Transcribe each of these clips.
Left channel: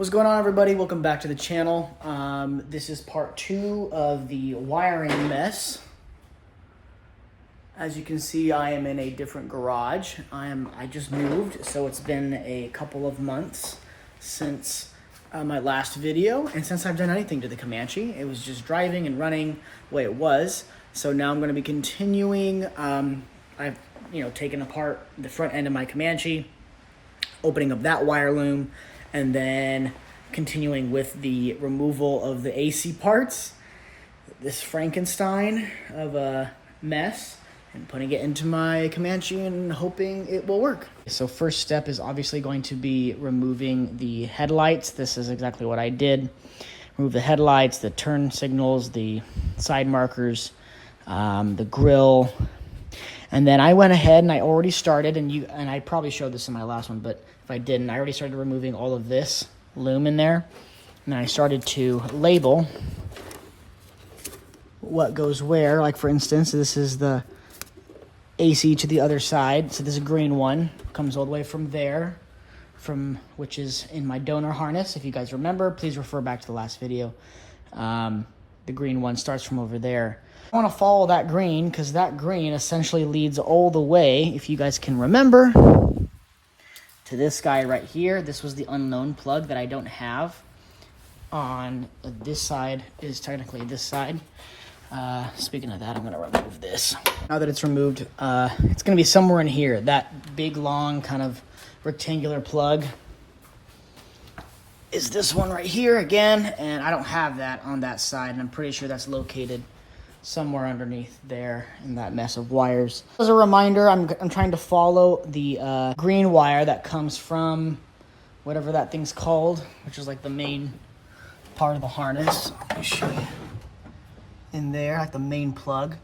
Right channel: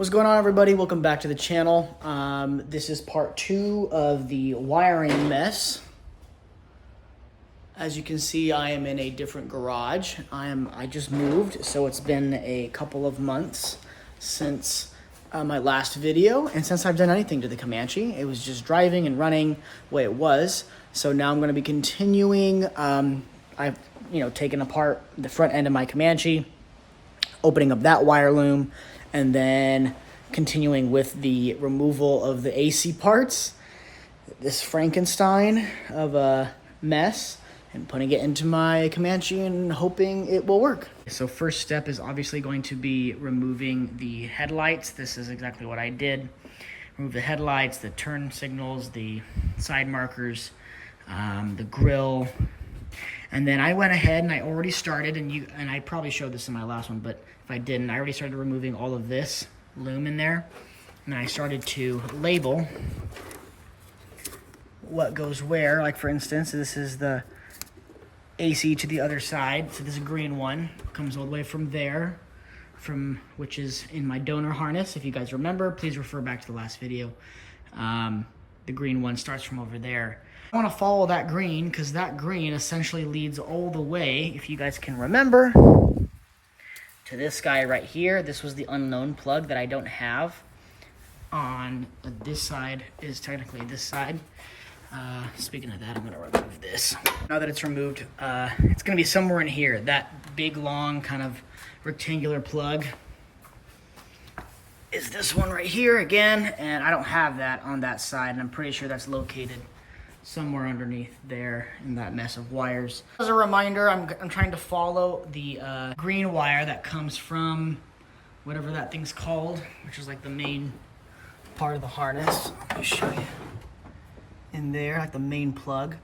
What's going on, everybody? Welcome back to the channel. This is part 2 of the wiring mess. As you can see, I am in a different garage. I just moved, so it's been a couple of months since my last video, and since I've done anything to the Comanche. It was just driving and running the way it was. So now I'm going to be continuing. I've taken apart the front end of my Comanche, opening up that wire loom, and then continuing with the removal of the AC parts, this Frankenstein of a mess, and putting it into my Comanche and hoping it will work. So first step is obviously going to be removing the headlights. This is exactly what I did. Remove the headlights, the turn signals, the side markers, the grill. And then I went ahead and I already started, and I probably showed this in my last one, but if I didn't, I already started removing all of this loom in there. And I started to label what goes where. Like, for instance, this is the AC to the other side. So this green one comes all the way from there, which is in my donor harness. If you guys remember, please refer back to the last video. The green one starts from over there. I want to follow that green because that green essentially leads all the way, if you guys can remember, to this guy right here. This was the unknown plug that I don't have on this side. Is technically this side. Speaking of that, I'm going to remove this. Now that it's removed, it's going to be somewhere in here. That big, long, kind of rectangular plug is this one right here again, and I don't have that on that side, and I'm pretty sure that's located somewhere underneath there in that mess of wires. As a reminder, I'm trying to follow the green wire that comes from whatever that thing's called, which is like the main part of the harness. Let me show you. In there, like the main plug.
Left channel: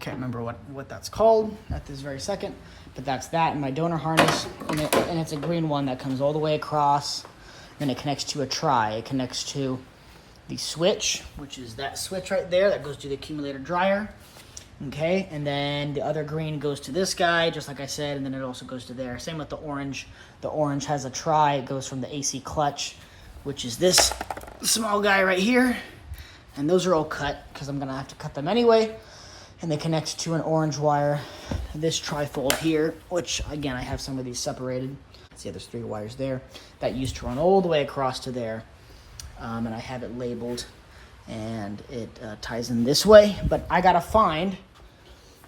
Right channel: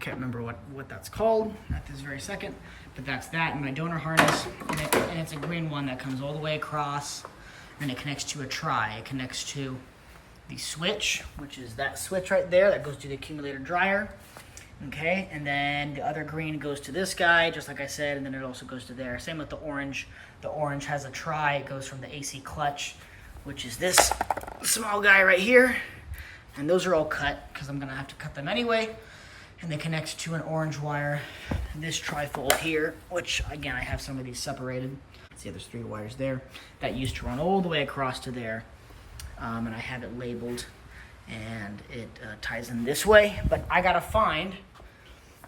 Can't remember what that's called at this very second, but that's that in my donor harness, and it's a green one that comes all the way across, and it connects to a tri. It connects to the switch, which is that switch right there that goes to the accumulator dryer. Okay, and then the other green goes to this guy, just like I said, and then it also goes to there. Same with the orange. The orange has a tri. It goes from the AC clutch, which is this small guy right here. And those are all cut because I'm gonna have to cut them anyway. And they connect to an orange wire, this trifold here, which again, I have some of these separated. See, there's 3 wires there that used to run all the way across to there. And I have it labeled, and it ties in this way. But I gotta find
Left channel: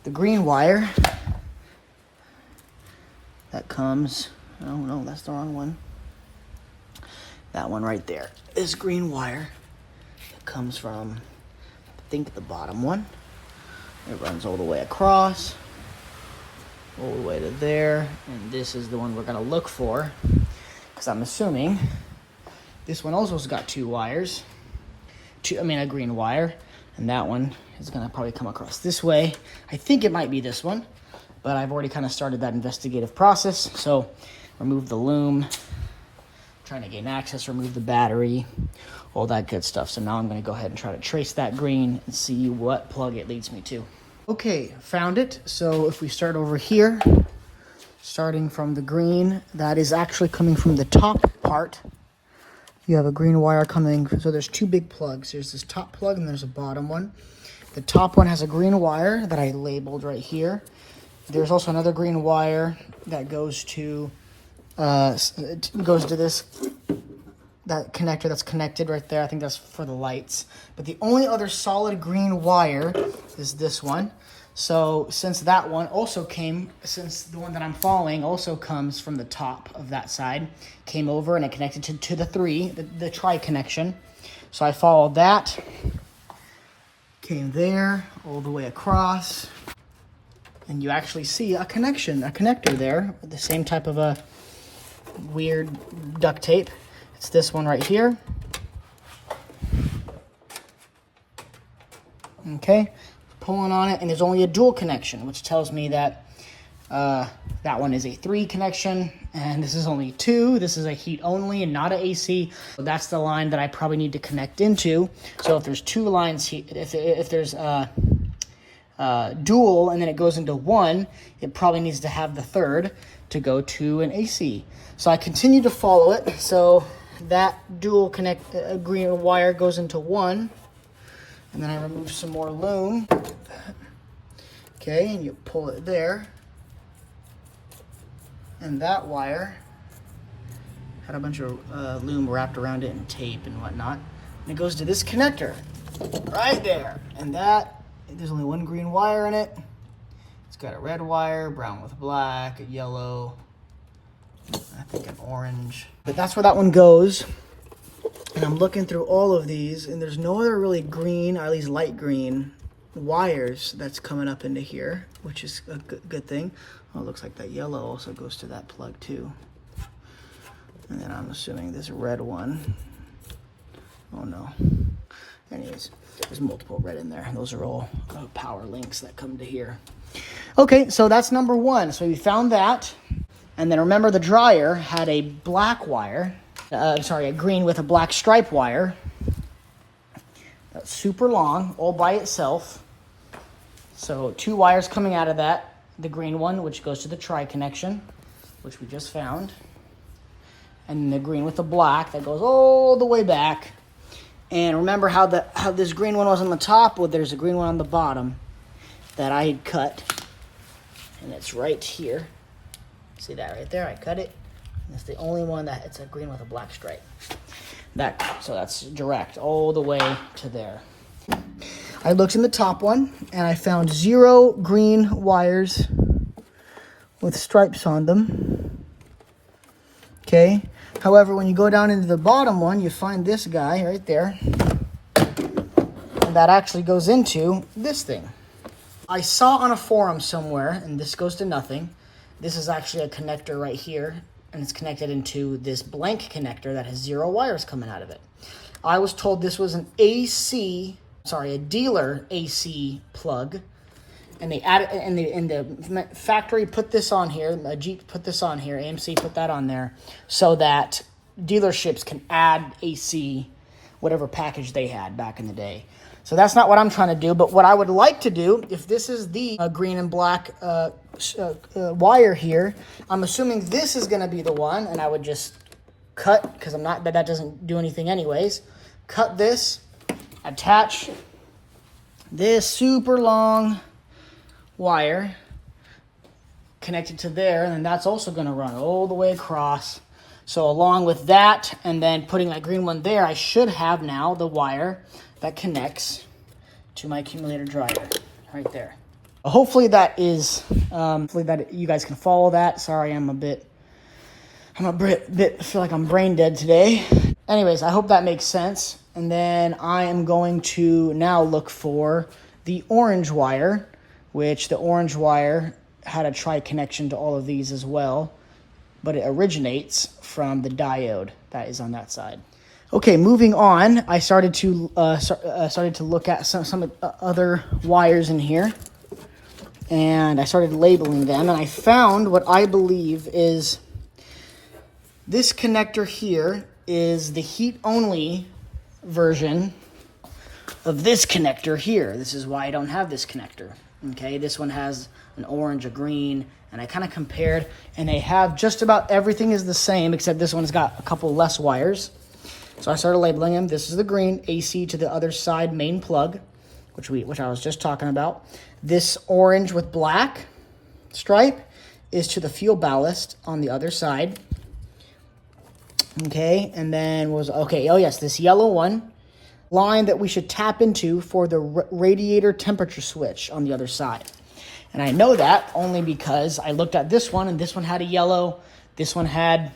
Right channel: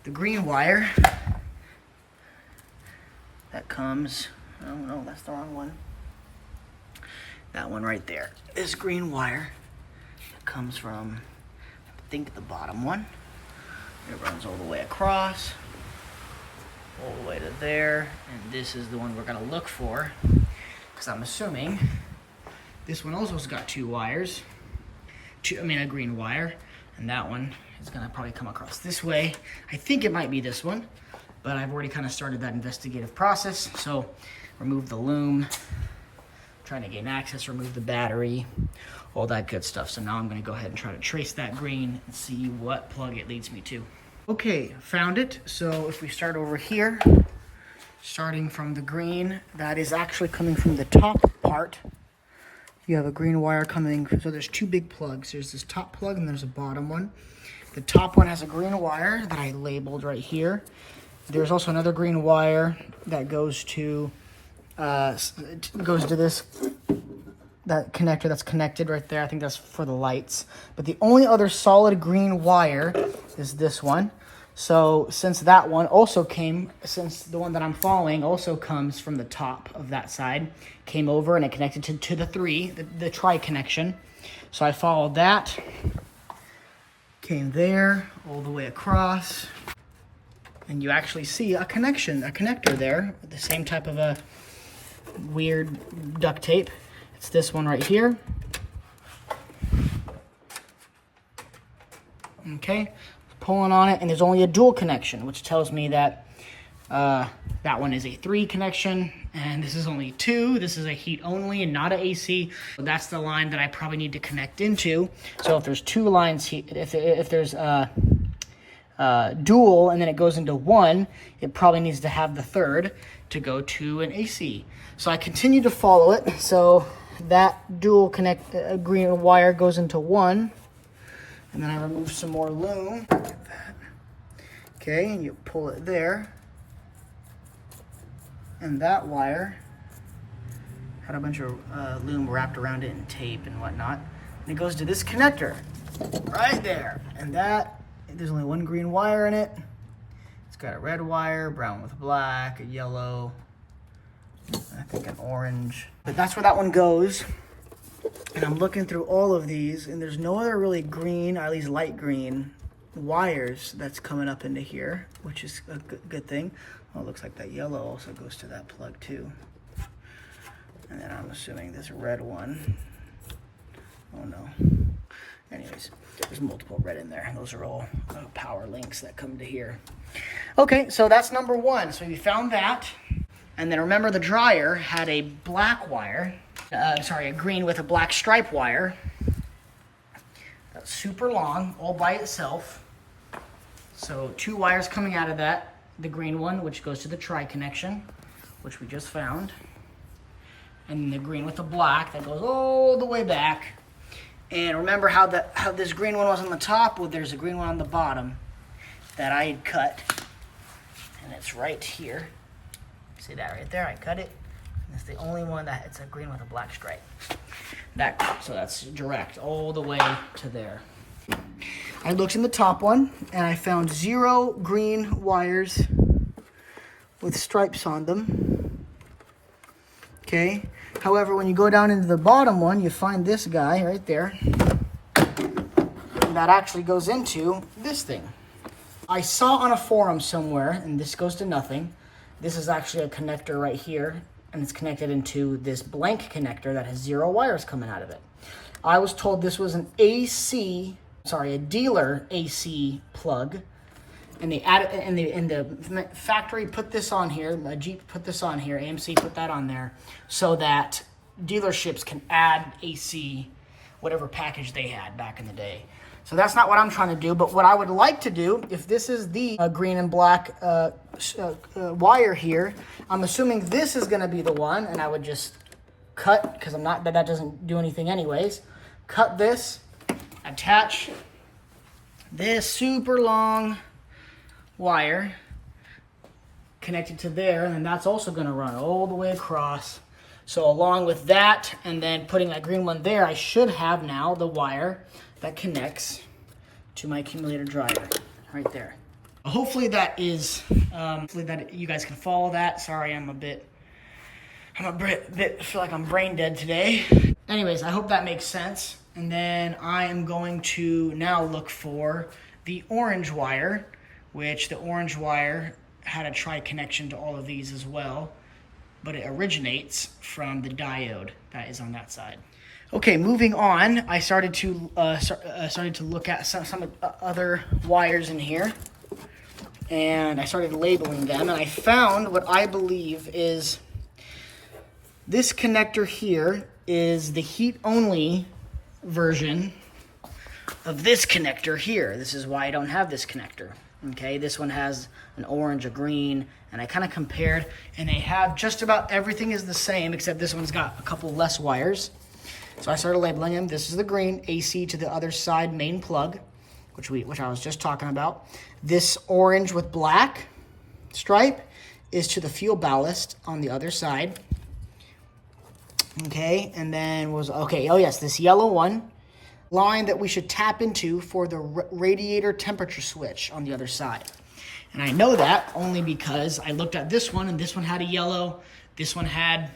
the green wire that comes, oh no, that's the wrong one. That one right there. This green wire comes from, I think, the bottom one. It runs all the way across, all the way to there, and this is the one we're gonna look for, because I'm assuming this one also has got 2 wires, a green wire, and that one is gonna probably come across this way. I think it might be this one, but I've already kind of started that investigative process. So remove the loom, trying to gain access, remove the battery, all that good stuff. So now I'm gonna go ahead and try to trace that green and see what plug it leads me to. Okay, found it. So if we start over here, starting from the green, that is actually coming from the top part. You have a green wire coming, so there's 2 big plugs. There's this top plug and there's a bottom one. The top one has a green wire that I labeled right here. There's also another green wire that goes to this, that connector that's connected right there. I think that's for the lights. But the only other solid green wire is this one. So since that one also since the one that I'm following also comes from the top of that side, came over and it connected to the 3, the tri connection. So I followed that, came there, all the way across, and you actually see a connector there, with the same type of a weird duct tape. It's this one right here. Okay, pulling on it, and there's only a dual connection, which tells me that that one is a 3 connection, and this is only 2. This is a heat only and not a AC. So that's the line that I probably need to connect into. So if there's 2 lines, if there's dual and then it goes into 1, it probably needs to have the 3rd to go to an AC. So I continue to follow it. So that dual green wire goes into one. And then I remove some more loom. Okay, and you pull it there. And that wire had a bunch of loom wrapped around it and tape and whatnot. And it goes to this connector right there. And that, there's only one green wire in it. It's got a red wire, brown with black, a yellow, I think an orange. But that's where that one goes. And I'm looking through all of these, and there's no other really green, or at least light green, wires that's coming up into here, which is a good thing. Oh, it looks like that yellow also goes to that plug too. And then I'm assuming this red one. Oh no. Anyways, there's multiple red in there. Those are all power links that come to here. Okay, so that's number one. So we found that. And then remember the dryer had a black wire. A green with a black stripe wire. Super long, all by itself. So 2 wires coming out of that. The green one, which goes to the tri connection, which we just found. And the green with the black that goes all the way back. And remember how this green one was on the top? Well, there's a green one on the bottom that I had cut. And it's right here. See that right there? I cut it. And it's the only one that it's a green with a black stripe. So that's direct all the way to there. I looked in the top one and I found 0 green wires with stripes on them. Okay. However, when you go down into the bottom one, you find this guy right there. And that actually goes into this thing. I saw on a forum somewhere, and this goes to nothing. This is actually a connector right here, and it's connected into this blank connector that has 0 wires coming out of it. I was told this was an a dealer AC plug, and they added, and the factory put this on here, Jeep put this on here, AMC put that on there, so that dealerships can add AC, whatever package they had back in the day. So that's not what I'm trying to do, but what I would like to do, if this is the green and black wire here, I'm assuming this is gonna be the one, and I would just cut, because that doesn't do anything anyways, cut this, attach this super long wire connected to there, and then that's also going to run all the way across. So along with that, and then putting that green one there, I should have now the wire that connects to my accumulator dryer right there. Hopefully that is, hopefully that you guys can follow that. Sorry, I'm a bit feel like I'm brain dead today. Anyways, I hope that makes sense. And then I am going to now look for the orange wire, which the orange wire had a tri connection to all of these as well, but it originates from the diode that is on that side. Okay, moving on, I started to look at some other wires in here, and I started labeling them, and I found what I believe is this connector here is the heat only version of this connector here. This is why I don't have this connector. Okay, this one has an orange, a green, and I kind of compared, and they have just about everything is the same, except this one's got a couple less wires. So I started labeling them. This is the green, AC to the other side main plug, which I was just talking about. This orange with black stripe is to the fuel ballast on the other side. Okay, and then this yellow one, line that we should tap into for the radiator temperature switch on the other side. And I know that only because I looked at this one, and this one had a yellow, this one had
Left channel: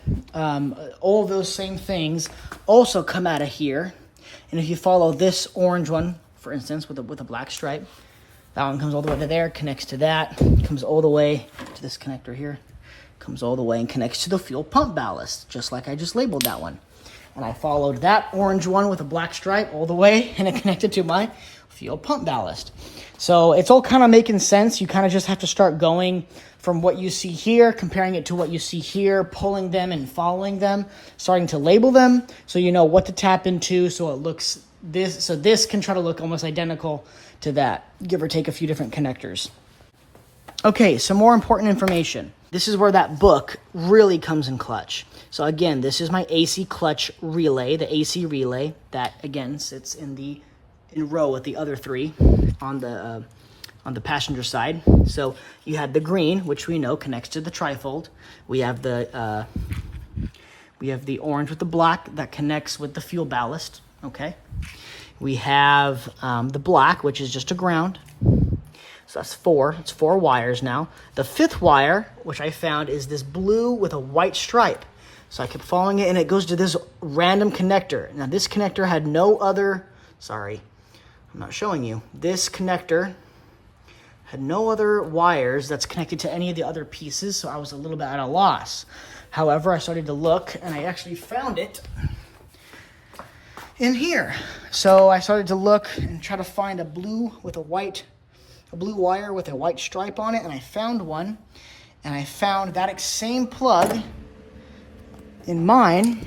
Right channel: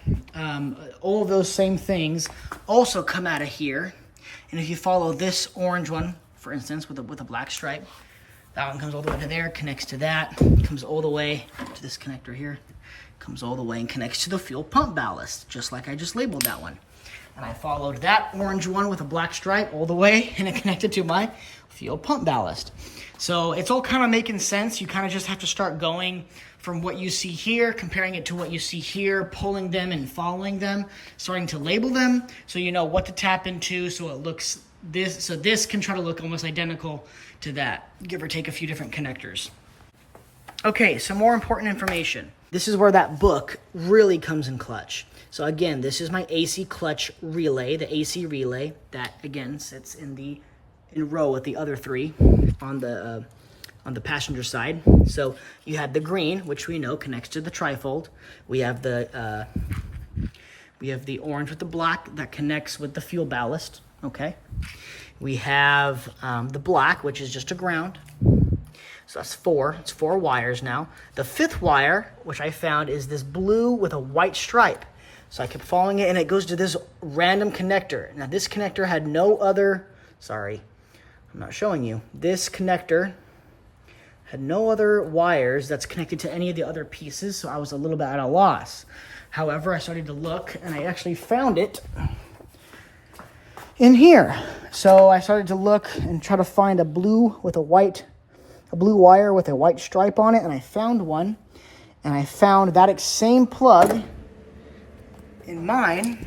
all of those same things also come out of here. And if you follow this orange one, for instance, with a black stripe, that one comes all the way to there, connects to that, comes all the way to this connector here, comes all the way and connects to the fuel pump ballast, just like I just labeled that one. And I followed that orange one with a black stripe all the way, and it connected to my fuel pump ballast. So it's all kind of making sense. You kind of just have to start going from what you see here, comparing it to what you see here, pulling them and following them, starting to label them so you know what to tap into, so it looks this. So this can try to look almost identical to that, give or take a few different connectors. Okay, some more important information. This is where that book really comes in clutch. So again, this is my AC clutch relay, the AC relay that again sits in row with the other three on the passenger side. So you have the green, which we know connects to the trifold. We have the orange with the black that connects with the fuel ballast. Okay. We have the black, which is just a ground. So that's four. It's 4 wires now. The 5th wire, which I found, is this blue with a white stripe. So I kept following it, and it goes to this random connector. Now, this connector had no other... Sorry, I'm not showing you. This connector had no other wires that's connected to any of the other pieces, so I was a little bit at a loss. However, I started to look, and I actually found it in here. So I started to look and try to find a blue wire with a white stripe on it, and I found one, and I found that same plug in mine,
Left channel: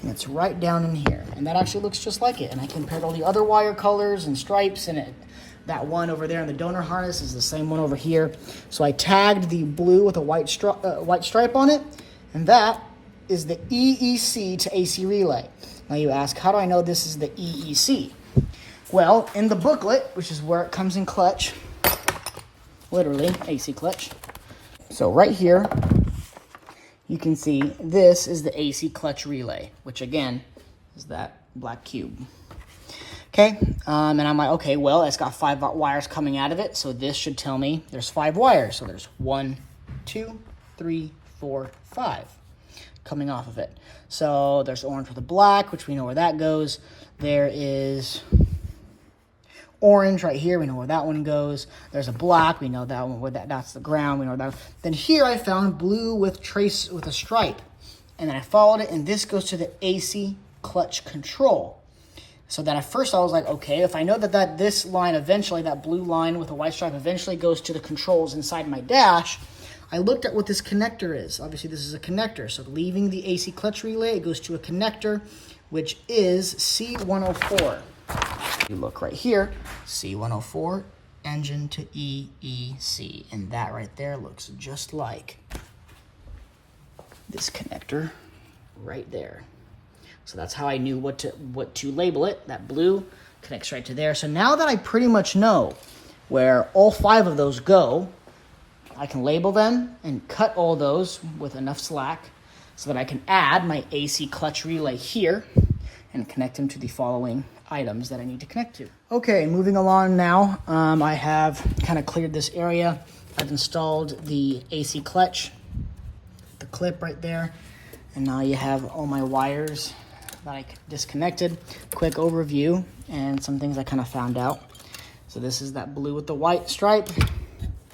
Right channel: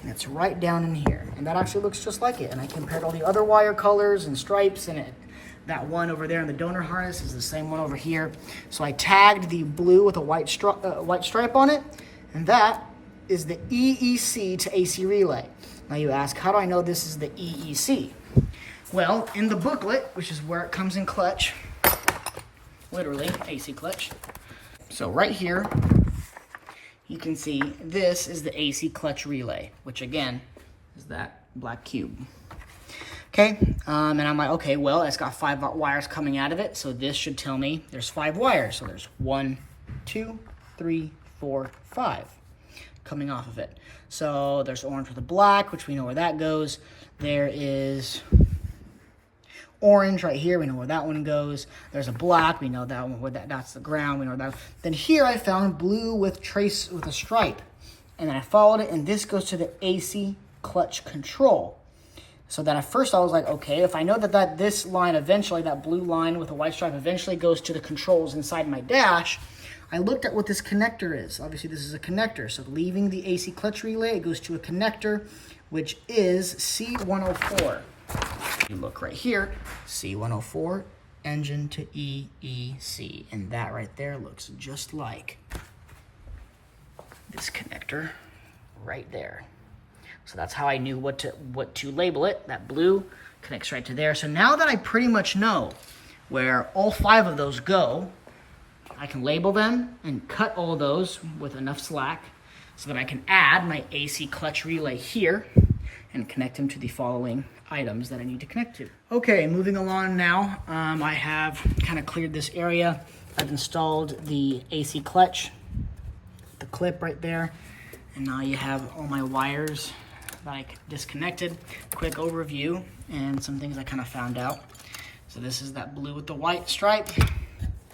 and it's right down in here, and that actually looks just like it. And I compared all the other wire colors and stripes, and that one over there in the donor harness is the same one over here. So I tagged the blue with a white stripe on it, and that is the EEC to AC relay. Now you ask, how do I know this is the EEC? Well, in the booklet, which is where it comes in clutch, literally, AC clutch. So right here, you can see this is the AC clutch relay, which again, is that black cube. Okay, and I'm like, okay, well, it's got 5 wires coming out of it, so this should tell me there's 5 wires. So there's 1, 2, 3, 4, 5 coming off of it. So there's orange with a black, which we know where that goes. There is orange right here, we know where that one goes. There's a black, we know that one, where that's the ground, we know that. Then here I found blue with a stripe, and then I followed it, and this goes to the AC clutch control. So then at first I was like, okay, if I know that this line eventually, that blue line with a white stripe eventually goes to the controls inside my dash, I looked at what this connector is. Obviously this is a connector, so leaving the AC clutch relay, it goes to a connector, which is C104. You look right here, C104, engine to EEC, and that right there looks just like this connector right there. So that's how I knew what to label it. That blue connects right to there. So now that I pretty much know where all 5 of those go, I can label them and cut all those with enough slack so that I can add my AC clutch relay here and connect them to the following items that I need to connect to. Okay, moving along now, I have kind of cleared this area. I've installed the AC clutch, the clip right there, and now you have all my wires that I disconnected. Quick overview and some things I kind of found out. So this is that blue with the white stripe.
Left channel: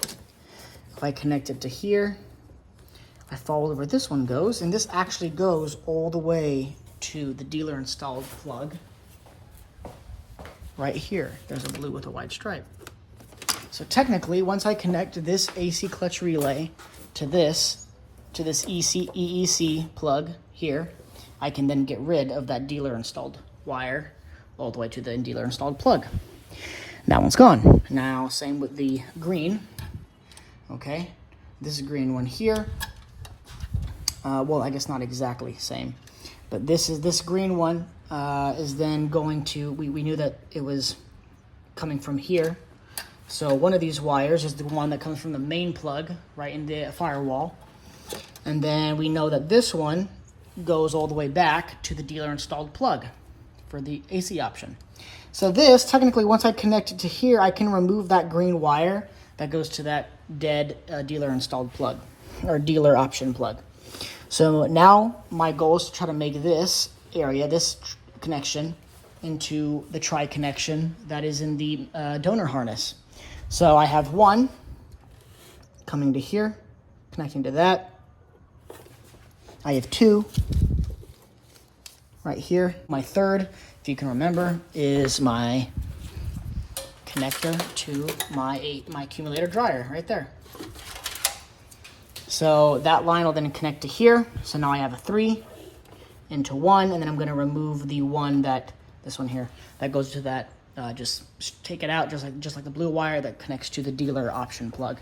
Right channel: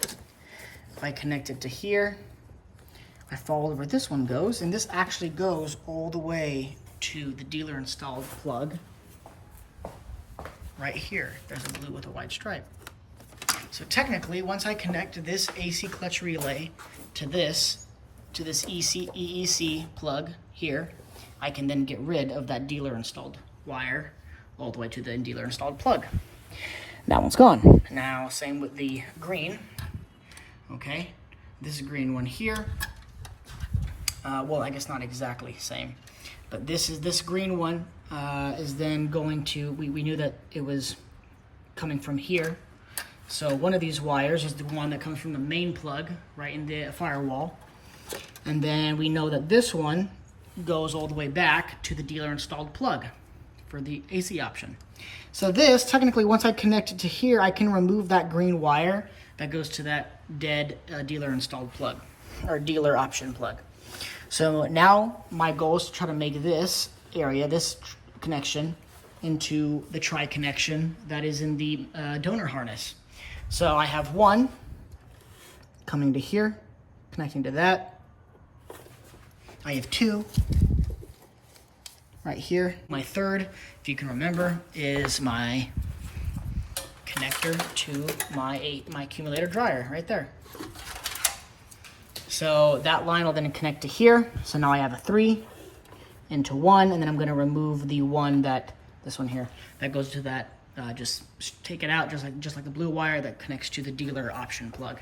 If I connect it to here, I follow where this one goes, and this actually goes all the way to the dealer installed plug. Right here, there's a blue with a white stripe. So technically, once I connect this AC clutch relay to this EEC plug here, I can then get rid of that dealer installed wire all the way to the dealer installed plug. That one's gone. Now, same with the green. Okay, this green one here. Well, I guess not exactly same, but this green one is then going to, we knew that it was coming from here. So one of these wires is the one that comes from the main plug right in the firewall. And then we know that this one goes all the way back to the dealer installed plug for the AC option. So this, technically, once I connect it to here, I can remove that green wire that goes to that dead dealer installed plug or dealer option plug. So now my goal is to try to make this area, this connection, into the tri-connection that is in the donor harness. So I have one coming to here, connecting to that. I have 2 right here. My third, if you can remember, is my connector to my accumulator dryer right there. So that line will then connect to here. So now I have a 3 into 1, and then I'm going to remove the one this one here that goes to that. Just take it out, just like the blue wire that connects to the dealer option plug.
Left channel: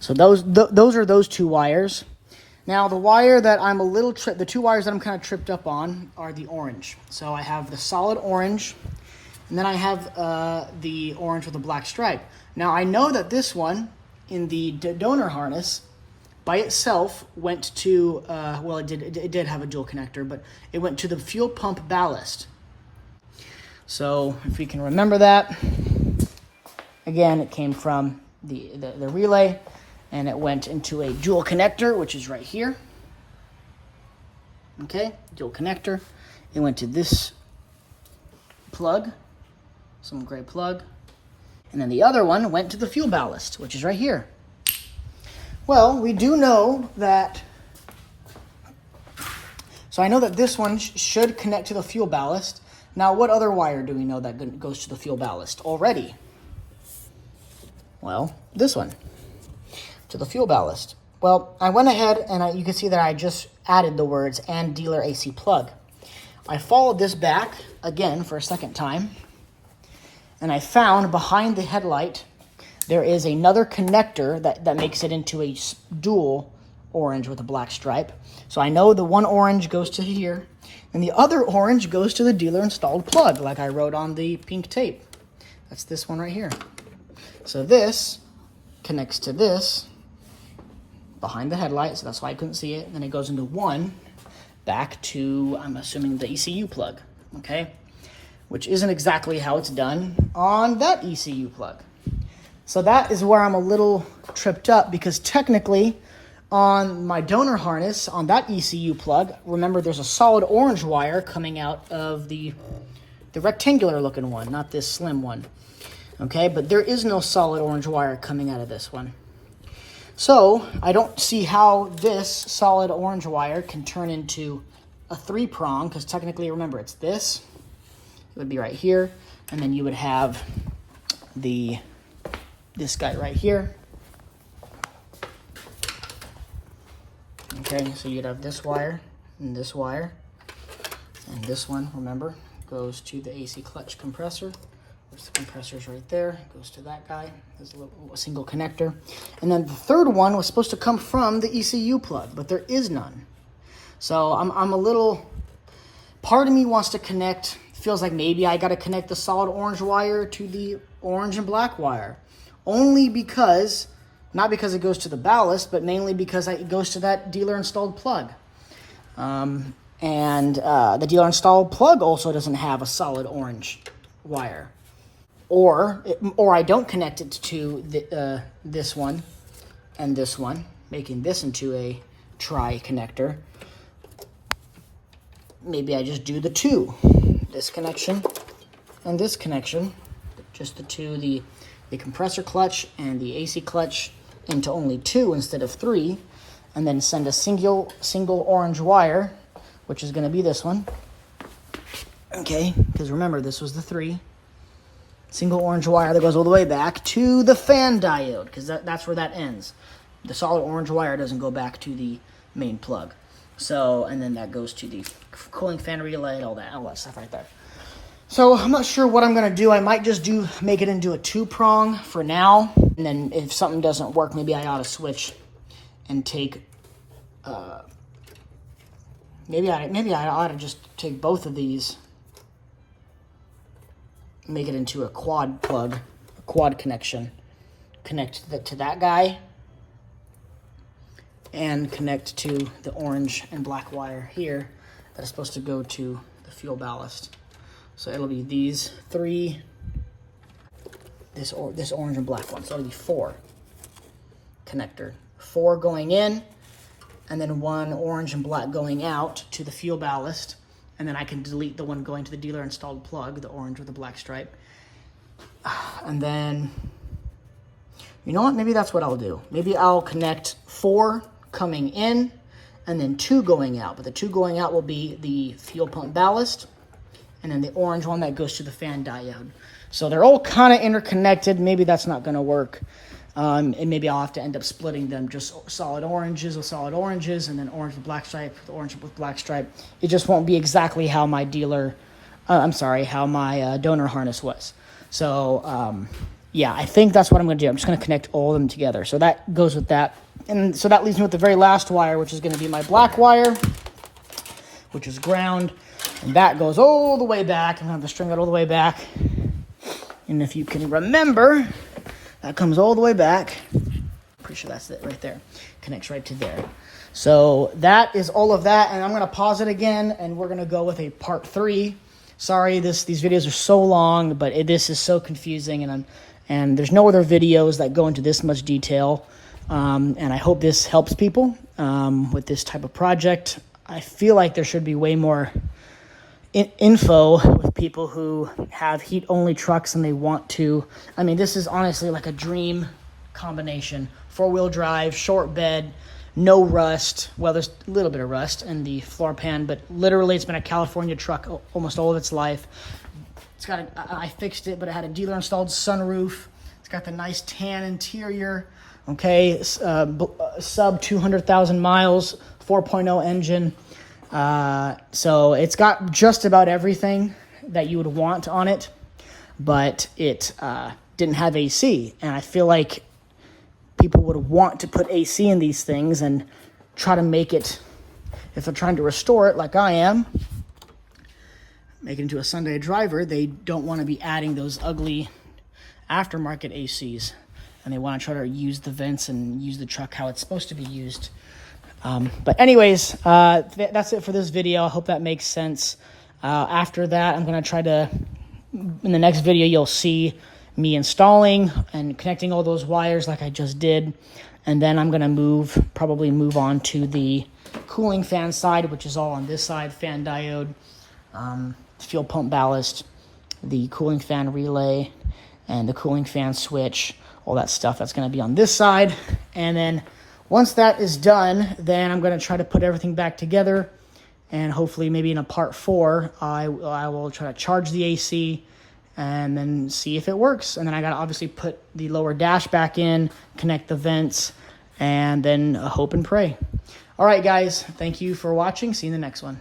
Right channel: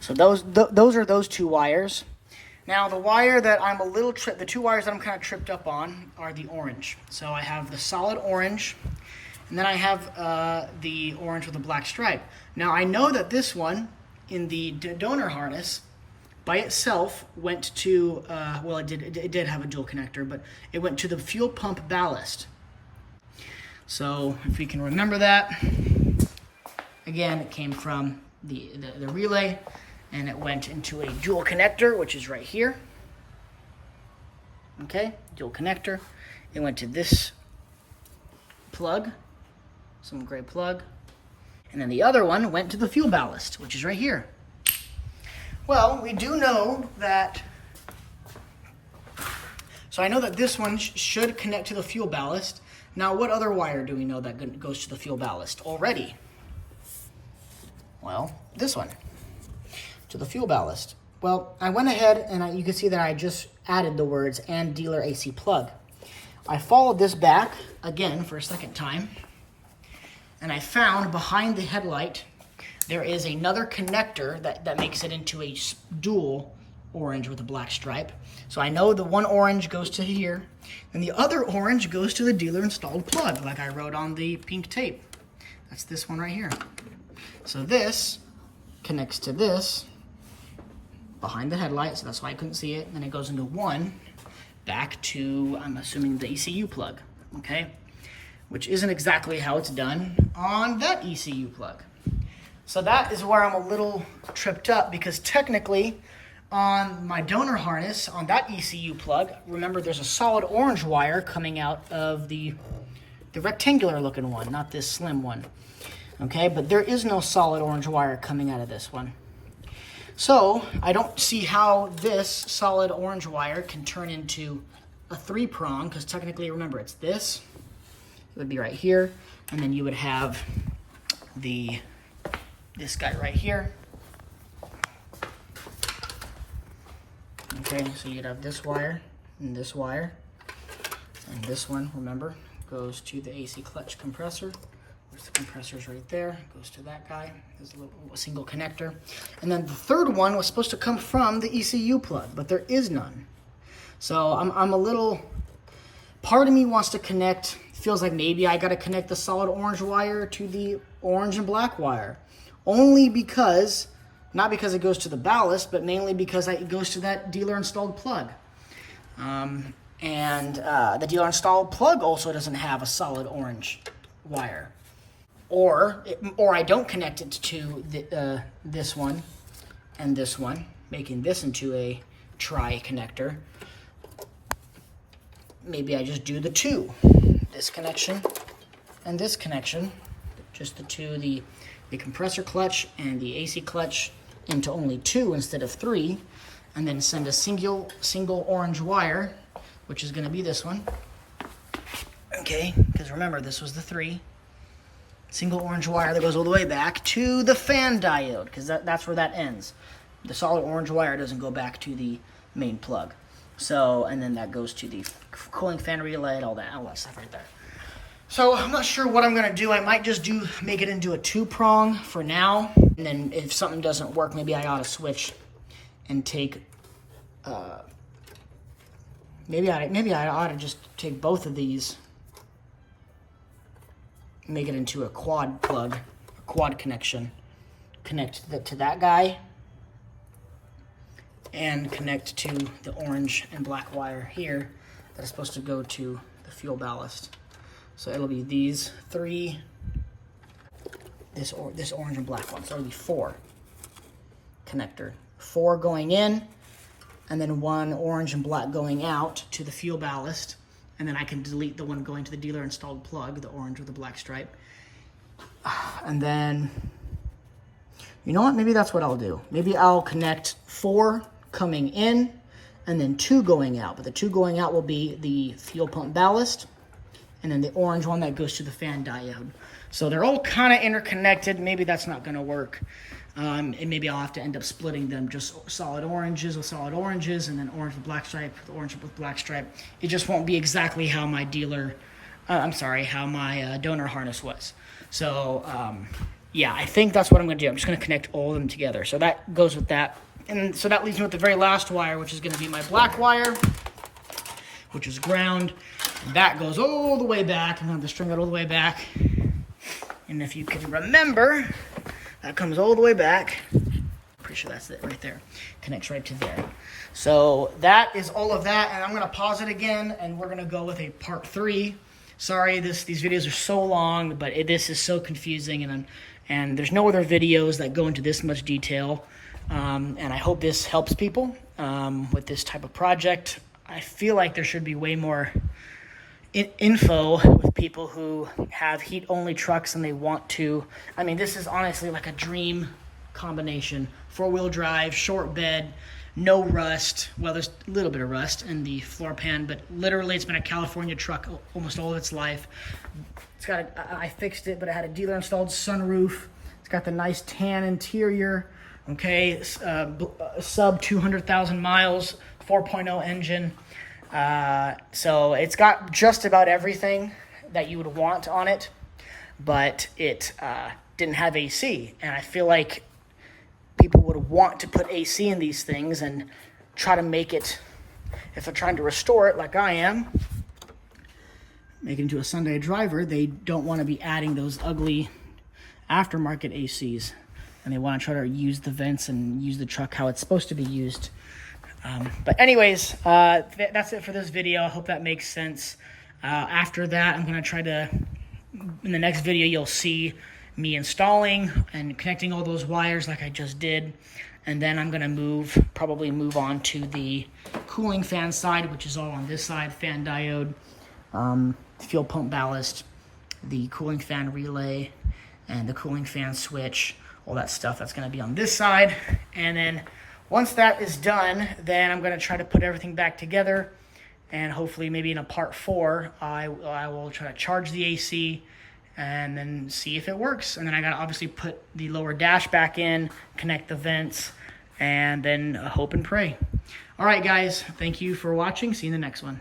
So those are those 2 wires. Now the wire that I'm a little the two wires that I'm kind of tripped up on are the orange. So I have the solid orange, and then I have the orange with a black stripe. Now I know that this one in the donor harness by itself went to, well, it did have a dual connector, but it went to the fuel pump ballast. So if we can remember that, again, it came from the relay, and it went into a dual connector, which is right here. Okay, dual connector. It went to this plug, some gray plug, and then the other one went to the fuel ballast, which is right here. Well, we do know that, so I know that this one should connect to the fuel ballast. Now, what other wire do we know that goes to the fuel ballast already? Well, this one, to the fuel ballast. Well, I went ahead and you can see that I just added the words "and dealer AC plug." I followed this back again for a second time, and I found behind the headlight there is another connector that makes it into a dual orange with a black stripe. So I know the one orange goes to here, and the other orange goes to the dealer installed plug, like I wrote on the pink tape. That's this one right here. So this connects to this behind the headlight, so that's why I couldn't see it. And then it goes into one back to, I'm assuming, the ECU plug, okay? Which isn't exactly how it's done on that ECU plug. So that is where I'm a little tripped up, because technically on my donor harness, on that ECU plug, remember there's a solid orange wire coming out of the rectangular looking one, not this slim one. Okay, but there is no solid orange wire coming out of this one. So I don't see how this solid orange wire can turn into a 3-prong, because technically, remember, it's this. It would be right here, and then you would have this guy right here. Okay, so you'd have this wire, and this one, remember, goes to the AC clutch compressor. There's the compressors right there. It goes to that guy. There's a single connector. And then the third one was supposed to come from the ECU plug, but there is none. So I'm a little, part of me wants to connect, feels like maybe I got to connect the solid orange wire to the orange and black wire. Only because, not because it goes to the ballast, but mainly because it goes to that dealer installed plug. And the dealer installed plug also doesn't have a solid orange wire. Or I don't connect it to this one and this one, making this into a tri-connector. Maybe I just do the two, this connection and this connection, just the two, the compressor clutch and the AC clutch, into only 2 instead of 3, and then send a single orange wire, which is going to be this one. Okay, because remember, this was the 3. Single orange wire that goes all the way back to the fan diode, because that's where that ends. The solid orange wire doesn't go back to the main plug. So, and then that goes to the cooling fan relay, all that stuff right there. So I'm not sure what I'm gonna do. I might just make it into a 2-prong for now, and then if something doesn't work, maybe I ought to switch and take. Maybe I ought to just take both of these, make it into a quad plug, a quad connection, connect to that guy, and connect to the orange and black wire here that is supposed to go to the fuel ballast. So it'll be these 3, this orange and black one. So it'll be 4 connector. 4 going in, and then 1 orange and black going out to the fuel ballast. And then I can delete the one going to the dealer installed plug, the orange with the black stripe. And then, you know what? Maybe that's what I'll do. Maybe I'll connect 4 coming in and then 2 going out. But the 2 going out will be the fuel pump ballast, and then the orange one that goes to the fan diode. So they're all kind of interconnected. Maybe that's not going to work. And maybe I'll have to end up splitting them, just solid oranges with solid oranges, and then orange with black stripe with orange with black stripe. It just won't be exactly how my how my donor harness was. So yeah, I think that's what I'm going to do. I'm just going to connect all of them together. So that goes with that. And so that leaves me with the very last wire, which is going to be my black wire, which is ground. And that goes all the way back. I'm going to have to string that all the way back. And if you can remember, that comes all the way back. Pretty sure that's it right there. Connects right to there. So that is all of that. And I'm going to pause it again, and we're going to go with a part 3. Sorry, these videos are so long, but this is so confusing, and there's no other videos that go into this much detail. And I hope this helps people with this type of project. I feel like there should be way more info with people who have heat-only trucks and they want to. I mean, this is honestly like a dream combination. 4-wheel drive, short bed, no rust. Well, there's a little bit of rust in the floor pan, but literally it's been a California truck almost all of its life. It's got I fixed it, but it had a dealer-installed sunroof. It's got the nice tan interior. Okay, sub 200,000 miles, 4.0 engine. So it's got just about everything that you would want on it, but it didn't have AC. And I feel like people would want to put AC in these things and try to make it, if they're trying to restore it like I am, make it into a Sunday driver, they don't want to be adding those ugly aftermarket ACs. And they want to try to use the vents and use the truck how it's supposed to be used. But anyways, that's it for this video. I hope that makes sense. After that, I'm going to try to, in the next video, you'll see me installing and connecting all those wires like I just did. And then I'm going to probably move on to the cooling fan side, which is all on this side: fan diode, fuel pump ballast, the cooling fan relay, and the cooling fan switch. All that stuff that's going to be on this side. And then once that is done, then I'm going to try to put everything back together, and hopefully maybe in a part 4 I will try to charge the AC and then see if it works. And then I got to obviously put the lower dash back in, connect the vents, and then hope and pray. All right, guys, thank you for watching. See you in the next one.